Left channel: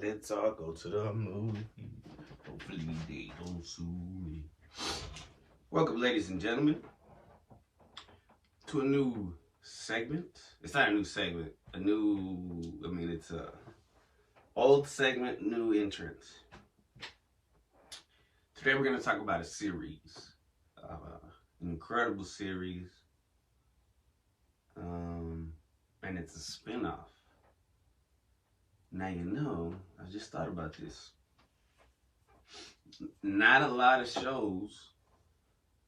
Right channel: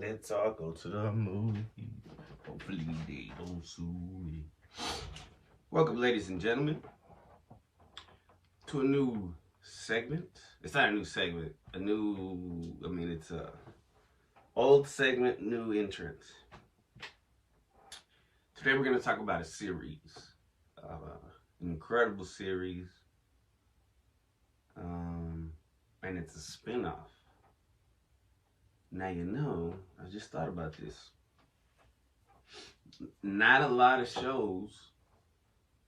Let's all go to the movie. Hopefully they don't sue me. Welcome, ladies and gentlemen, to a new segment. It's not a new segment. It's a old segment, new entrance. Today we're going to talk about a series. An incredible series. And it's a spin-off. Now you know, I just thought about this. Not a lot of shows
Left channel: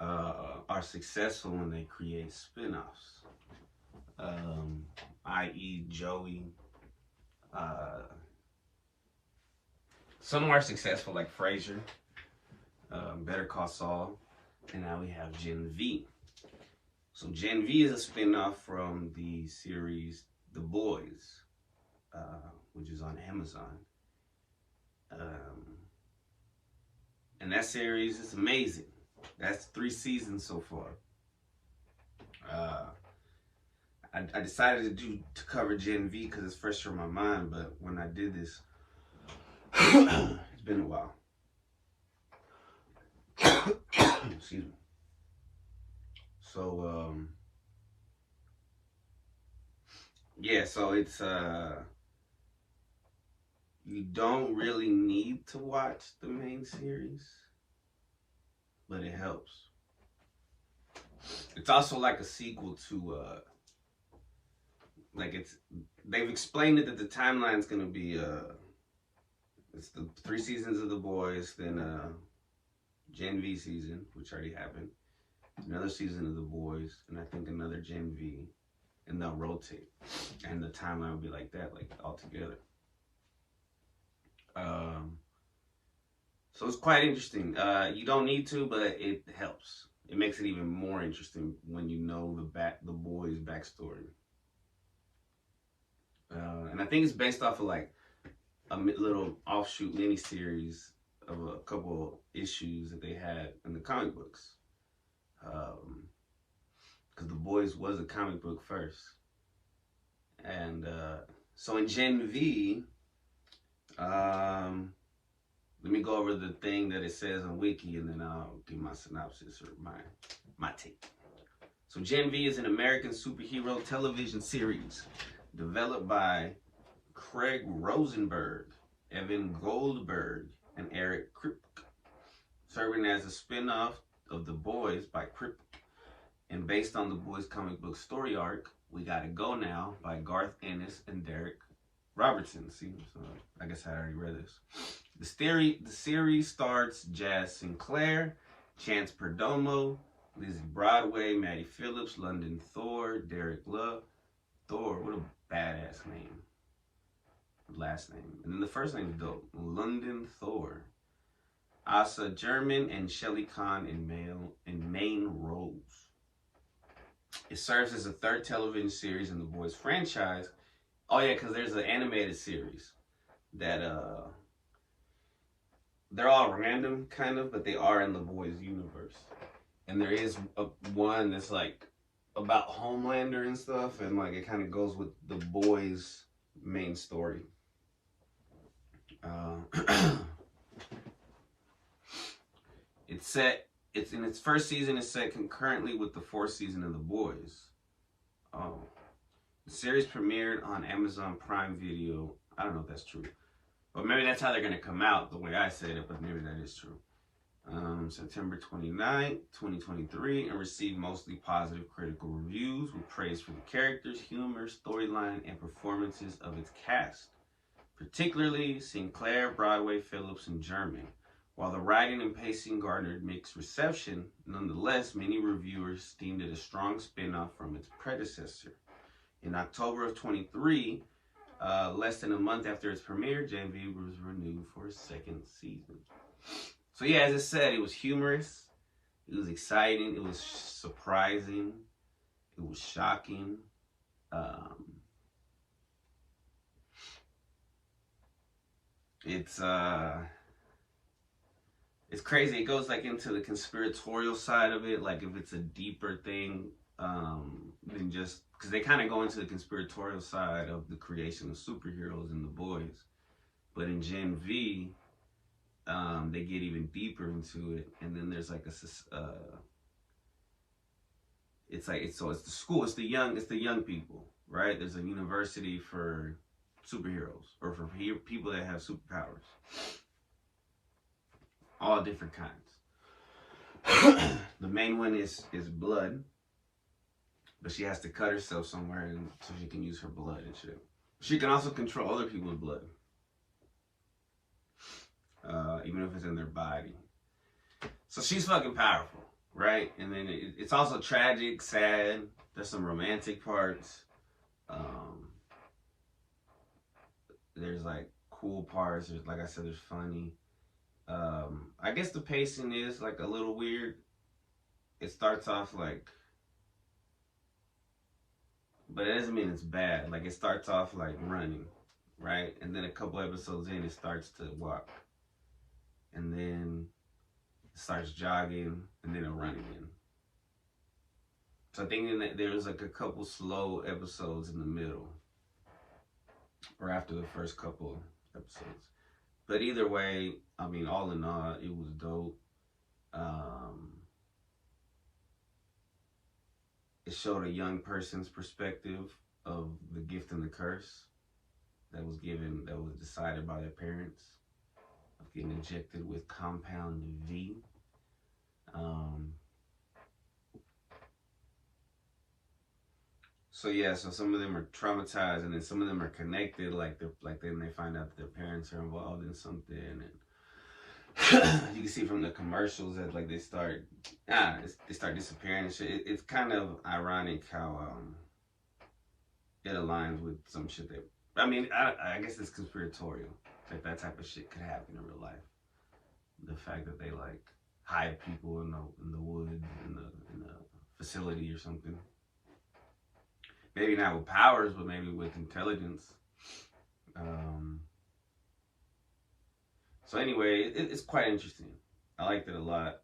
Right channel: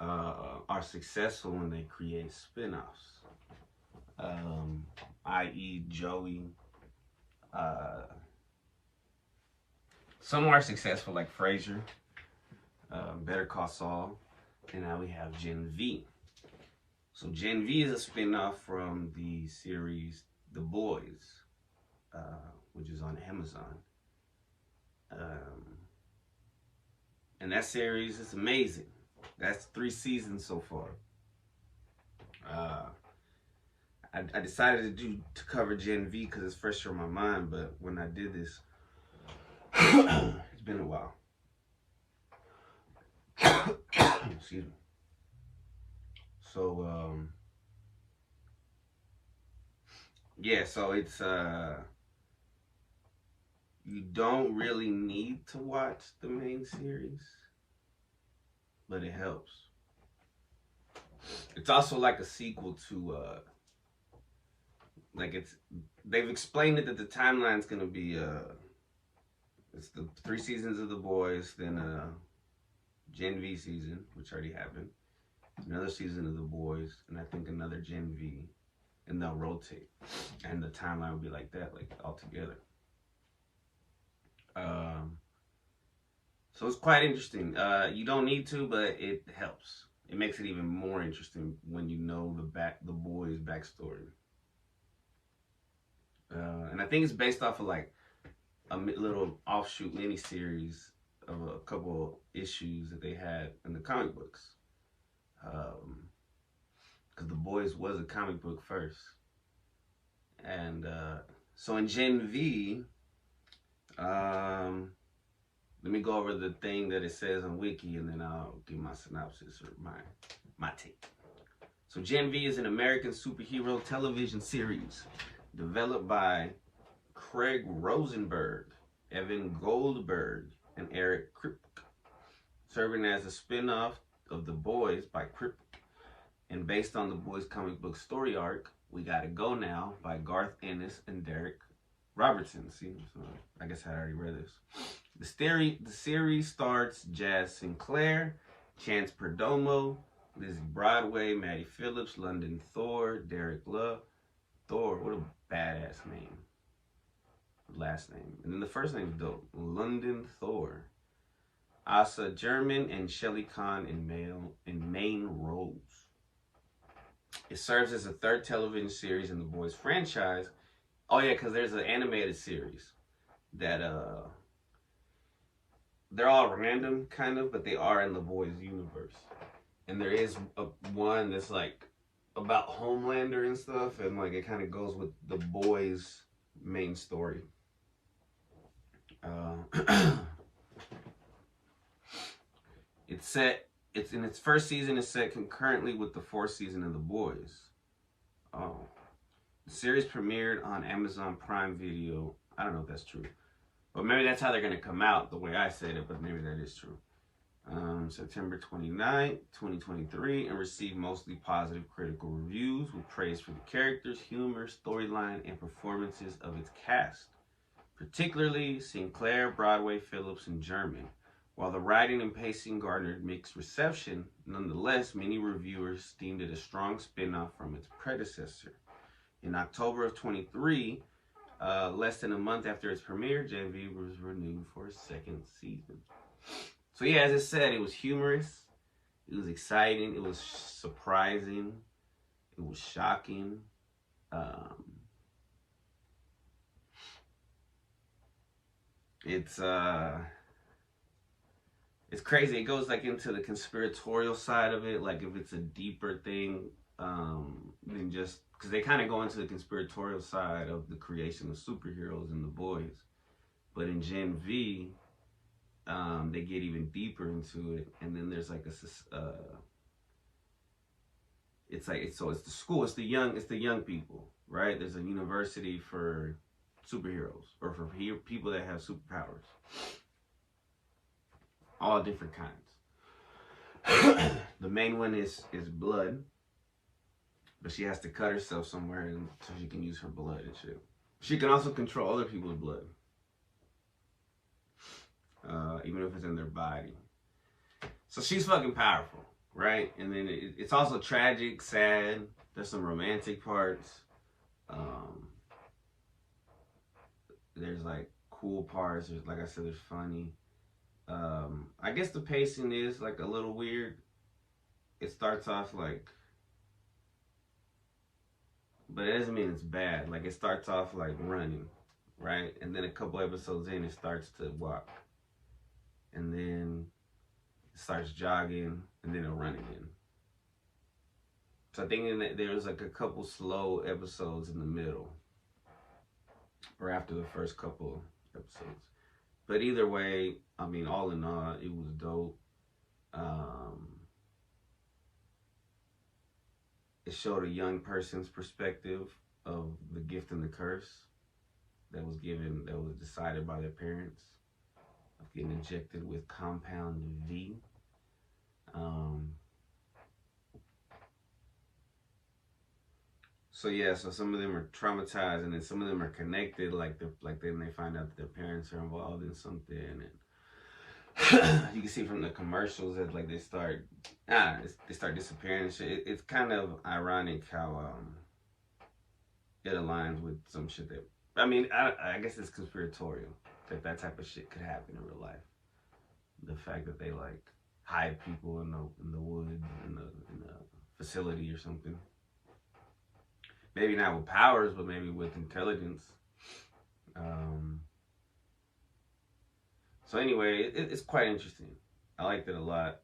are successful when they create spin-offs. I.e. Joey. Some are successful like Frasier, Better Call Saul, and now we have Gen V. So Gen V is a spin-off from the series The Boys, which is on Amazon. And that series is amazing. That's 3 seasons so far. I decided to cover Gen V because it's fresh on my mind, but when I did this, it's been a while. Excuse me. So, so it's, you don't really need to watch the main series, but it helps. It's also like a sequel to, they've explained it that the timeline's gonna be, it's the 3 seasons of The Boys, then Gen V season, which already happened, another season of The Boys, and I think another Gen V, and they'll rotate, and the timeline will be like that, like all together. So it's quite interesting. You don't need to, but it helps. It makes it even more interesting when you know the boys' backstory. And I think it's based off of like a little offshoot mini series of a couple issues that they had in the comic books. Because The Boys was a comic book first. And so in Gen V, let me go over the thing that it says on Wiki, and then I'll give my synopsis or my take. So Gen V is an American superhero television series developed by Craig Rosenberg, Evan Goldberg, and Eric Kripke, serving as a spin-off of The Boys by Kripke, and based on The Boys comic book story arc, We Gotta Go Now by Garth Ennis and Derek Robertson. See, so I guess I already read this. The series stars Jazz Sinclair, Chance Perdomo, Lizzie Broadway, Maddie Phillips, London Thor, Derek Love. Thor, what a badass name. Last name. And then the first name is dope. London Thor. Asa German and Shelley Kahn in main roles. It serves as a 3rd television series in the Boys franchise. Oh yeah, because there's an animated series that they're all random kind of, but they are in the Boys universe. And there is one that's like about Homelander and stuff, and like it kind of goes with the Boys main story. It's in its first season. It's set concurrently with the 4th season of The Boys. Oh, the series premiered on Amazon Prime Video. I don't know if that's true, but maybe that's how they're gonna come out the way I said it. But maybe that is true. September 29th, 2023, and received mostly positive critical reviews with praise for the characters, humor, storyline, and performances of its cast, particularly Sinclair, Broadway, Phillips, and German. While the writing and pacing garnered mixed reception, nonetheless, many reviewers deemed it a strong spin-off from its predecessor. In October of 23, less than a month after its premiere, Gen V was renewed for a 2nd season. So yeah, as I said, it was humorous, it was exciting, it was surprising, it was shocking. It's crazy. It goes like into the conspiratorial side of it, like if it's a deeper thing than just, because they kind of go into the conspiratorial side of the creation of superheroes in The Boys. But in Gen V, they get even deeper into it, and then there's like it's the school, it's the young people, right? There's a university for superheroes or for people that have superpowers, all different kinds. The main one is blood, but she has to cut herself somewhere and so she can use her blood and shit. She can also control other people's blood, even if it's in their body. So she's fucking powerful, right? And then it's also tragic, sad. There's some romantic parts. There's like cool parts. There's, like I said, there's funny. I guess the pacing is like a little weird. It starts off like, but it doesn't mean it's bad. Like it starts off like running, right? And then a couple episodes in, it starts to walk. And then it starts jogging, and then it'll run again. So I think that there's like a couple slow episodes in the middle, or after the first couple episodes. But either way, I mean, all in all, it was dope. It showed a young person's perspective of the gift and the curse that was decided by their parents, of getting injected with compound V. So yeah, so some of them are traumatized, and then some of them are connected. Then they find out that their parents are involved in something, and you can see from the commercials that like they start disappearing and shit. It's kind of ironic how it aligns with some shit that, I mean, I guess it's conspiratorial that type of shit could happen in real life. The fact that they like hide people in the woods in a facility or something. Maybe not with powers, but maybe with intelligence. So anyway, it's quite interesting. I liked it a lot.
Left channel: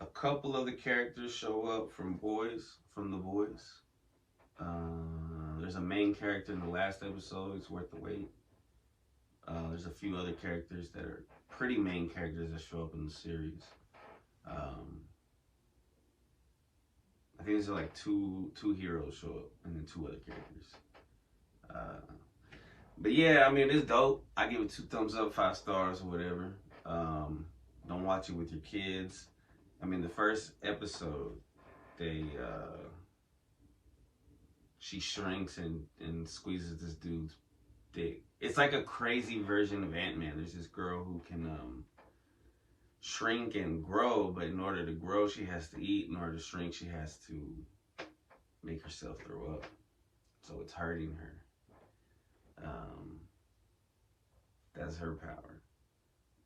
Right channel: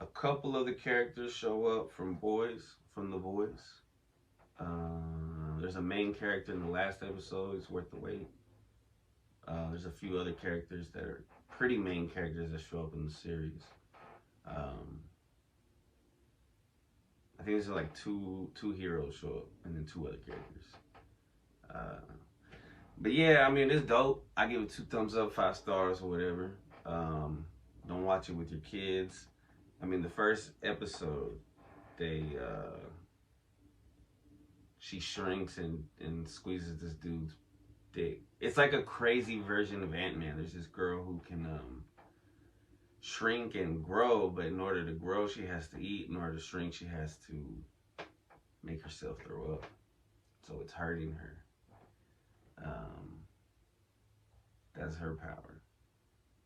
A couple of the characters show up from The Boys. There's a main character in the last episode. It's worth the wait. There's a few other characters that are pretty main characters that show up in the series. I think there's like two heroes show up, and then 2 other characters. But yeah, I mean, it's dope. I give it 2 thumbs up, 5 stars or whatever. Don't watch it with your kids. I mean, the first episode, she shrinks and squeezes this dude's dick. It's like a crazy version of Ant-Man. There's this girl who can shrink and grow, but in order to grow, she has to eat. In order to shrink, she has to make herself throw up. So it's hurting her. That's her power.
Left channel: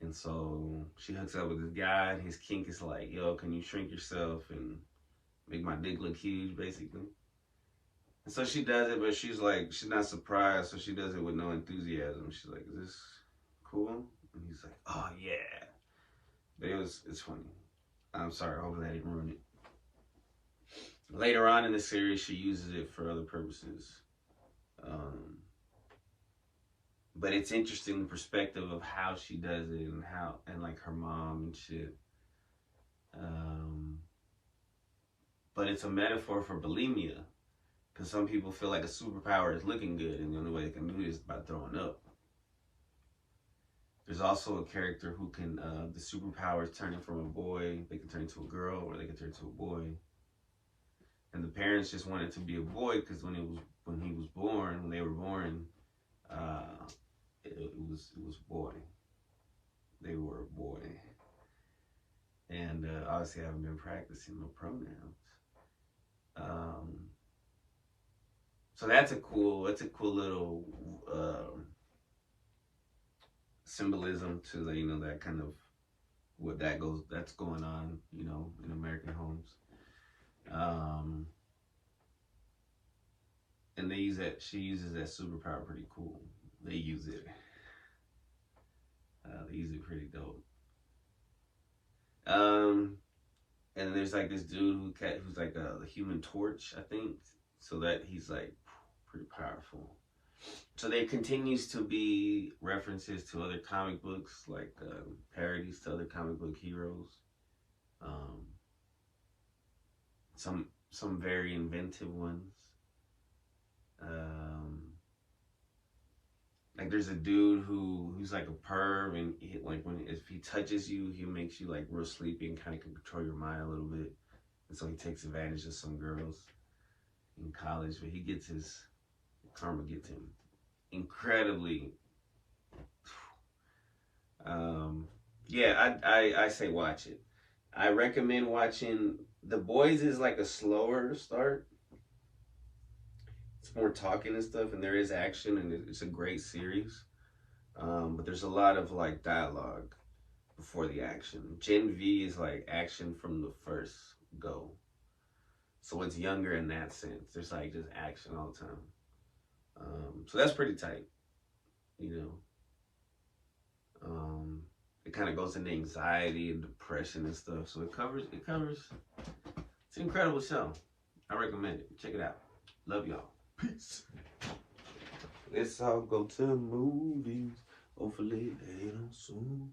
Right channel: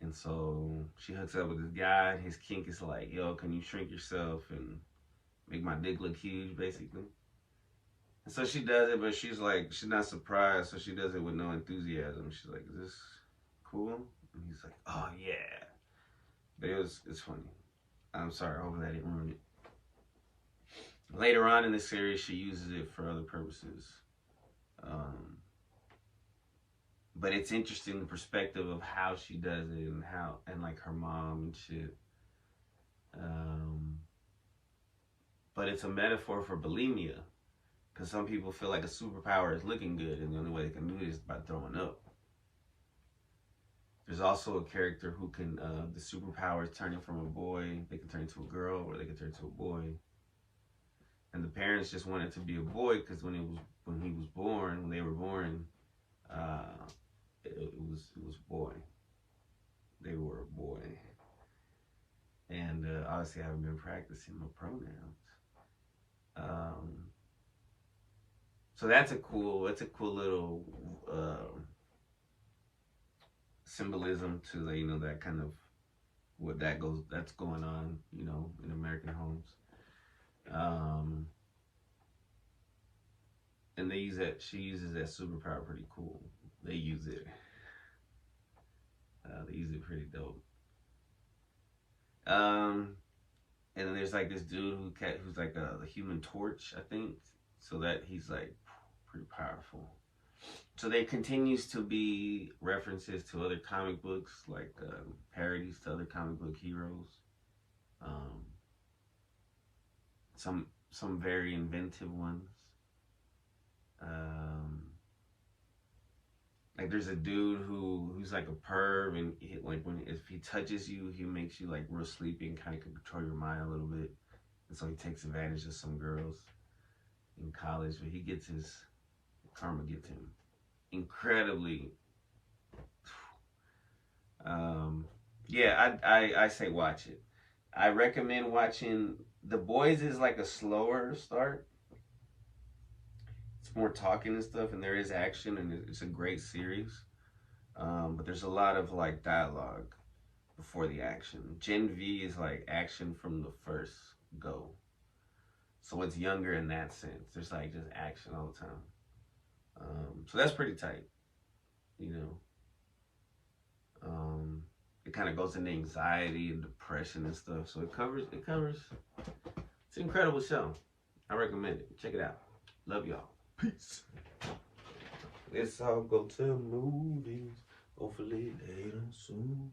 And so she hooks up with this guy, and his kink is like, yo, can you shrink yourself and make my dick look huge, basically? And so she does it, but she's not surprised, so she does it with no enthusiasm. She's like, is this cool? And he's like, oh yeah. But it's funny. I'm sorry, hopefully I didn't ruin it. Later on in the series, she uses it for other purposes. But it's interesting the perspective of how she does it and like her mom and shit. But it's a metaphor for bulimia, because some people feel like a superpower is looking good, and the only way they can do it is by throwing up. There's also a character who can, the superpower is turning from a boy. They can turn into a girl, or they can turn into a boy. And the parents just wanted to be a boy because when they were born, it was boy. They were a boy. And obviously I haven't been practicing my pronouns. So that's a cool little symbolism to the, that kind of that's going on, in American homes. And she uses that superpower pretty cool. They use it pretty dope. And then there's like this dude who's like the Human Torch, I think. So that he's like pretty powerful. So there continues to be references to other comic books, like parodies to other comic book heroes. Um, some very inventive ones. Like there's a dude who's like a perv, and like if he touches you, he makes you like real sleepy and kind of can control your mind a little bit. And so he takes advantage of some girls in college, but he gets his karma gets him incredibly. Yeah, I say watch it. I recommend watching The Boys. Is like a slower start. It's more talking and stuff, and there is action, and it's a great series. But there's a lot of like dialogue before the action. Gen V is like action from the first go. So it's younger in that sense. There's like just action all the time. So that's pretty tight, you know. It kind of goes into anxiety and depression and stuff. So it covers. It's an incredible show. I recommend it. Check it out. Love y'all. Peace. Let's all go to the movies. Hopefully later soon.